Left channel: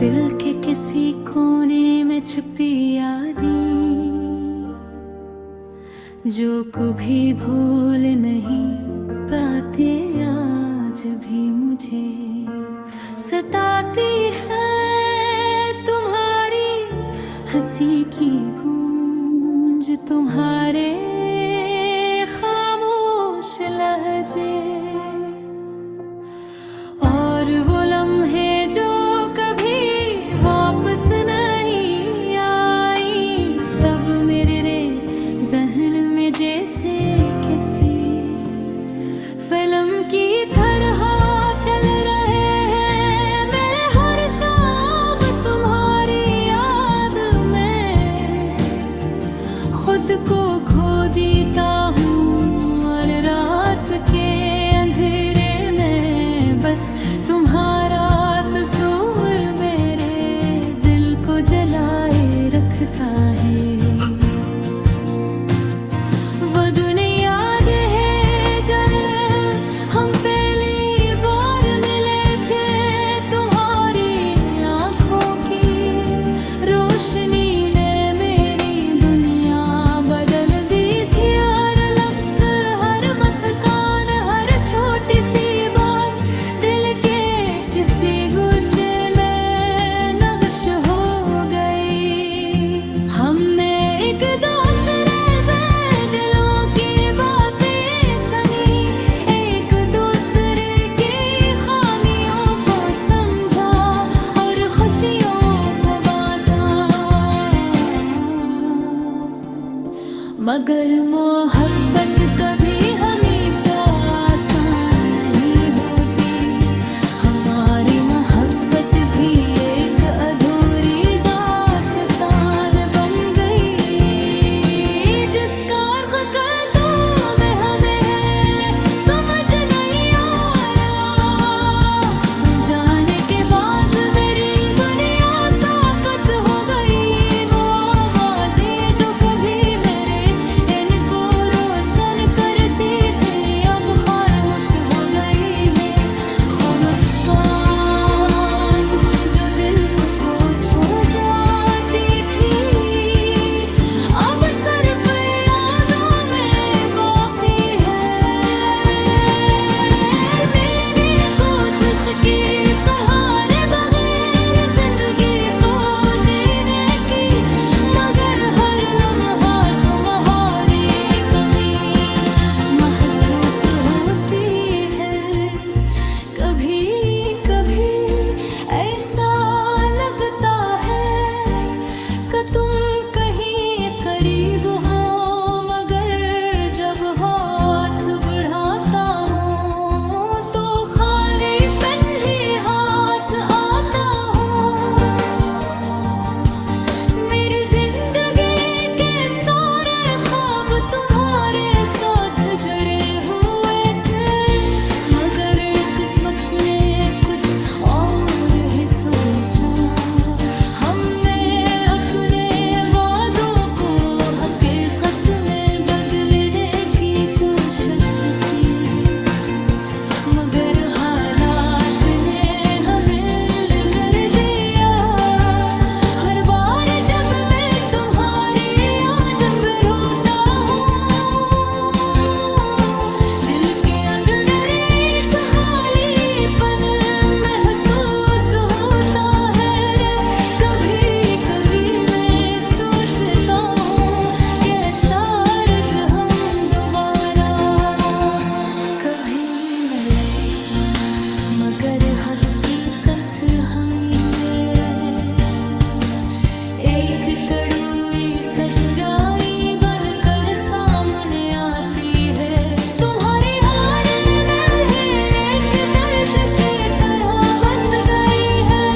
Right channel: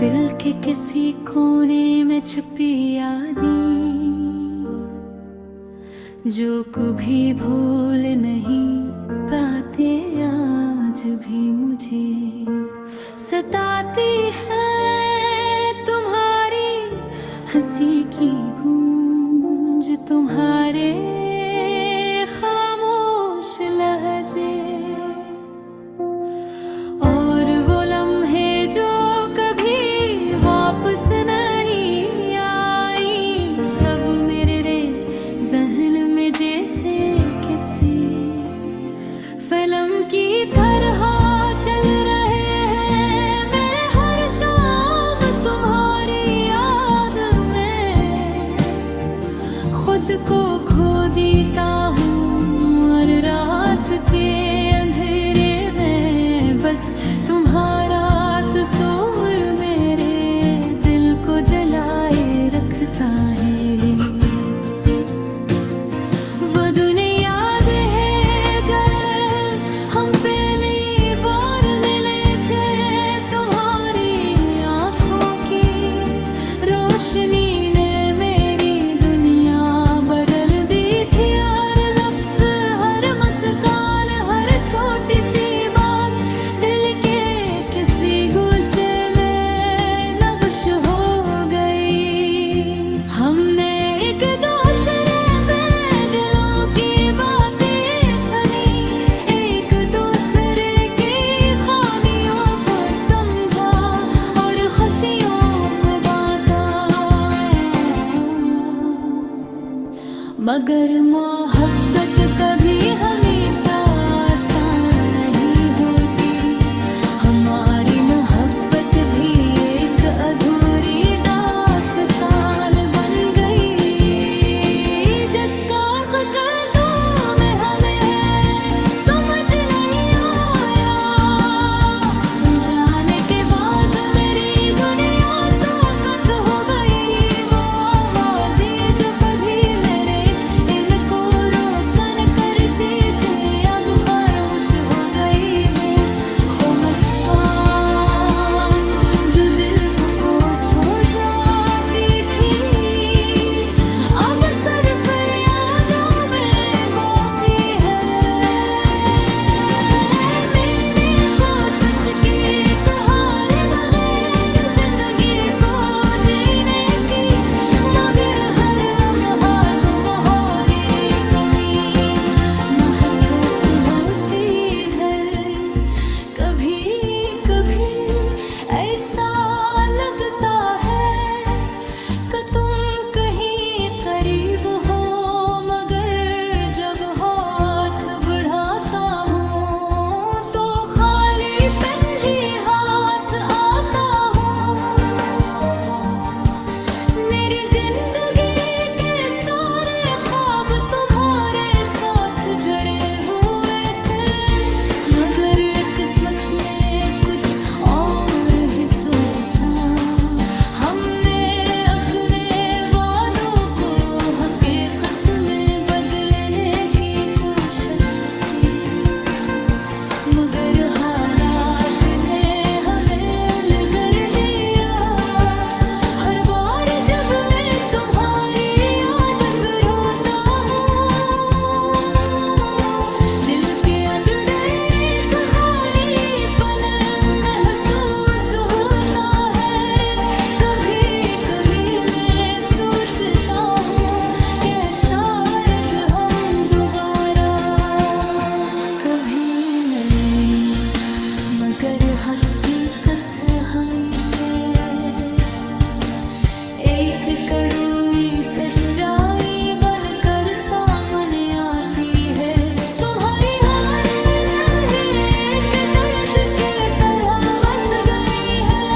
दिल के किसी कोने में छुपी यादें जो कभी भूल नहीं पाते, आज भी मुझे सताती है तुम्हारी हंसी की गूंज, तुम्हारे खामोश लहजे और वो लम्हे जो कभी वापस नहीं आई। सब मेरे जहन में जैसे किसी फिल्म की तरह चल रहे हैं। मैं हर शाम तुम्हारी याद में खुद को खो देता हूँ और रात के अंधेरे में बस तुम्हारा तस्वीर मेरे दिल को जलाए रखता है। वो दुनिया याद है जब हम पहली बार मिले थे, तुम्हारी आंखों की रोशनी ने मेरी दुनिया बदल दी थी। हर लफ्ज, हर मुस्कान, हर छोटी सी बात दिल के किसी गोशे में नक्श हो गई। हमने एक दूसरे में दिलों की बातें सुनी, एक दूसरे की खामियों को समझा और खुशियों को बांटा। मगर मोहब्बत कभी हमेशा आसान नहीं होती। हमारी मोहब्बत भी एक अधूरी दास्तान बन गई, जिसका ख़त्म में हमें समझ नहीं आया। तुम जाने के बाद मेरी दुनिया साकत हो गई। वो आवाज़ें जो कभी मेरे इनको रोशन करती थी, अब खामोश हो गई है। वो मुस्कान जो दिल को छू जाती थी, अब सिर्फ यादों में बाकी है। मैंने कोशिश की तुम्हारे बगैर जिंदगी को जीने की, मगर हर लम्हा तुम्हारी कमी महसूस होती है। कभी कभी ऐसा लगता है कि तुम कहीं करीब हो, मगर जब हाथ बढ़ाता हूँ तो खालीपन ही हाथ आता हूँ। मेरी जिंदगी के सारे ख्वाब तुम्हारे साथ जड़े हुए थे, मगर किस्मत ने कुछ और ही सोचा। हमने अपने वादों को हकीकत में बदलने की कोशिश की, मगर हालात ने हमें कर दिया। हर बार जब मैं तुम्हारी याद में रोता हूँ, दिल के अंदर एक खालीपन महसूस होता है। कभी कभी मैं सोचता हूँ कि शायद हम दोबारा कभी मिले, मगर हकीकत हमेशा एक कड़वी सच्चाई बनकर सामने आती है। तुम्हारी हार में एक दर्द की तरह बस गई है।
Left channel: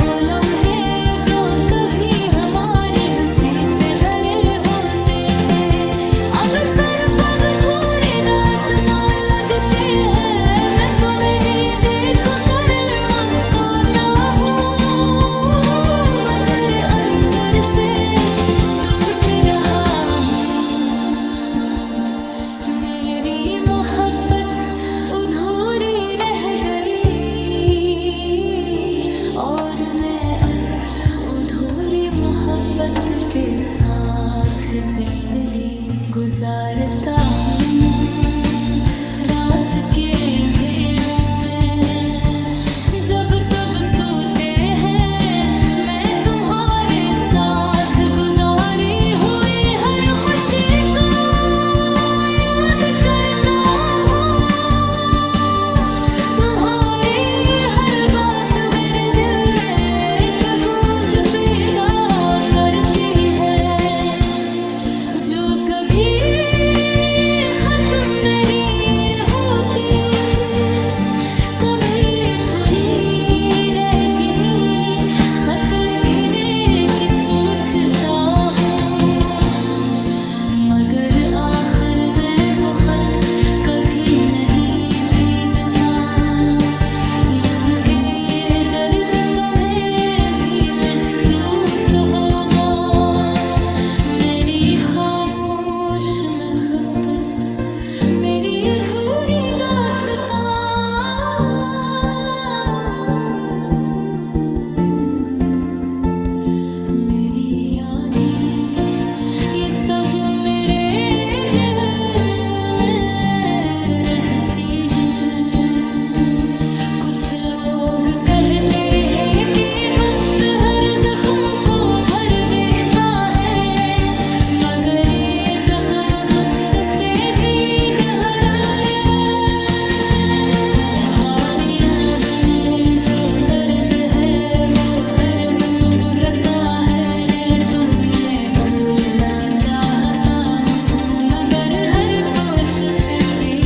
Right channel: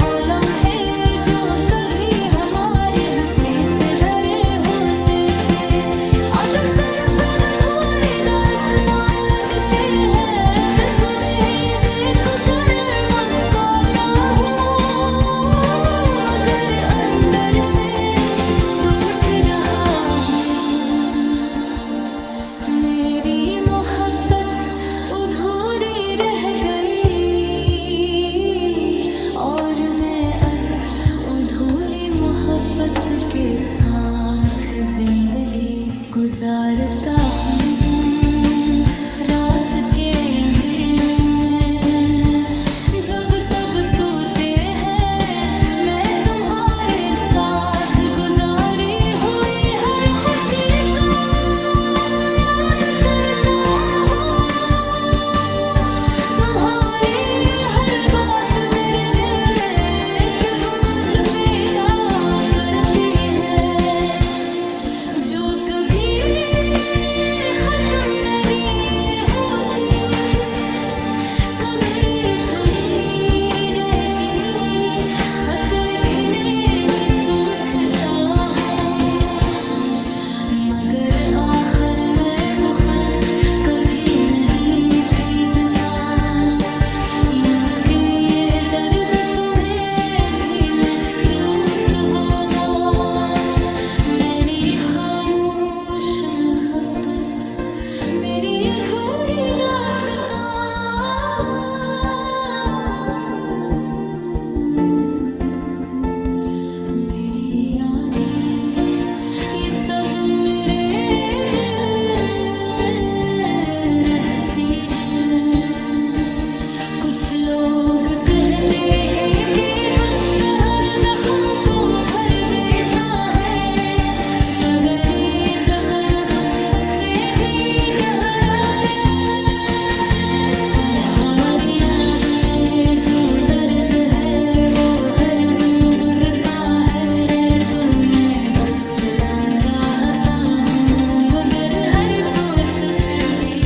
वो लम्हे जो कभी हमारी हंसी से भरे होते थे, अब सिर्फ अधूरी दास्तान लगते हैं। मैं तुम्हें देख कर मुस्कुराता हूँ, मगर अंदर से टूट रहा हूँ। अधूरी रह गई और मोहब्बत के साथ जिंदगी गुजारता हूँ। रात के अंधेरों में जब सब सोते हैं, मैं तुम्हारे साथ गुजारी हुई हर खुशी को याद करता हूँ। तुम्हारी हर बात मेरे दिल में एक गूंज पैदा करती है, जो कभी खत्म नहीं होती, कभी पूरी रहती। खत लिखने की सोचता हूँ, मगर आखिर में वो खत कभी नहीं भेजता। यूं के ये दर्द तुम्हें भी महसूस होगा, मेरी खामोश मोहब्बत, मेरी अधूरी दास्तां। मेरी यादें ये सब मेरे दिल में रहती हैं। कुछ लोग कहते हैं कि वक्त हर जख्म को भर देता है, मगर ये जख्म वक्त से भी गहरा है। तुम्हारी याद में जो दर्द है वो हर दिन बुरता है रे। तुम्हें भूलना चाहता हूँ, मगर हर कोशिश भी